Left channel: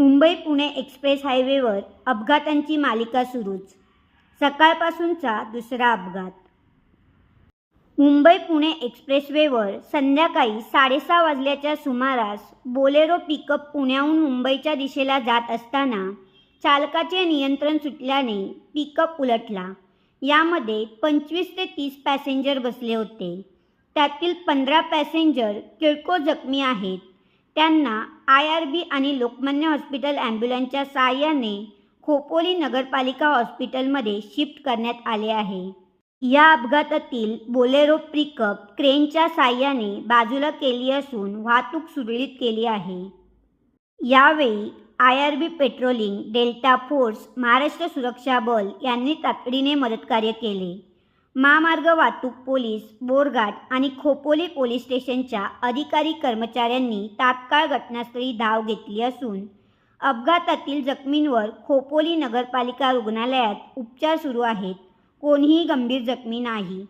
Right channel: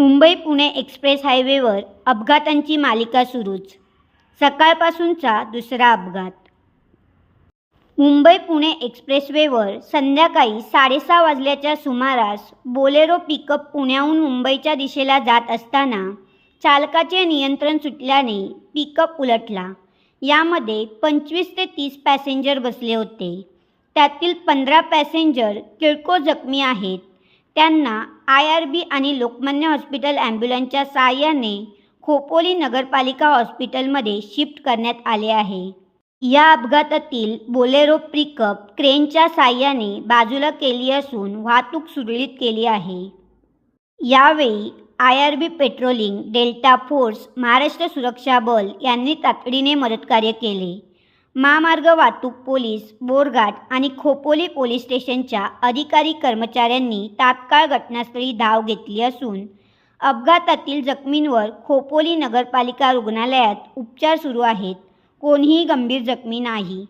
Mumbai Pune express हायवेवर अपघातांची मालिका सुरूच. सकाळपासूनचा दुसरा अपघात. मुंबई पुणे एक्सप्रेसवेवर संध्याकाळी साडेसहा वाजल्याच्या सुमारास बोलेरो पिकअप पुण्याहून मुंबईच्या दिशेला जात असताना चालकाचे नियंत्रण सुटल्याने पिकअप उलटला. यामध्ये पंचवीस ते तीस पॅसेंजर बसले होते. त्यातील पंधरा पॅसेंजर किरकोळ जखमी आहेत. त्यांना आय आर बी आणि लोकमान्य हॉस्पिटल ॲम्ब्युलन्सच्या सहाय्याने खोपोली नगरपालिका हॉस्पिटलमध्ये शिफ्ट करण्यात आले आहे. या अपघातातील बोलेरो पिकअप क्रेनच्या सहाय्याने बाजूला केली असून वाहतूक सुरळीत केली आहे. यावेळी I R B patrolling delta force Maharashtra सुरक्षा बल यांनी तातडीने मदतकार्य केले. महामार्ग वाहतूक पोलीस बोरघाट आणि खोपोली पोलीस स्टेशनच्या अधिकारी कर्मचाऱ्यांनी तात्काळ घटनास्थळी धाव घेतली असून अपघातातील जखमींवर खोपोली नगरपालिका रुग्णालयात उपचार सुरू आहेत. कोणीही गंभीर जखमी नाही.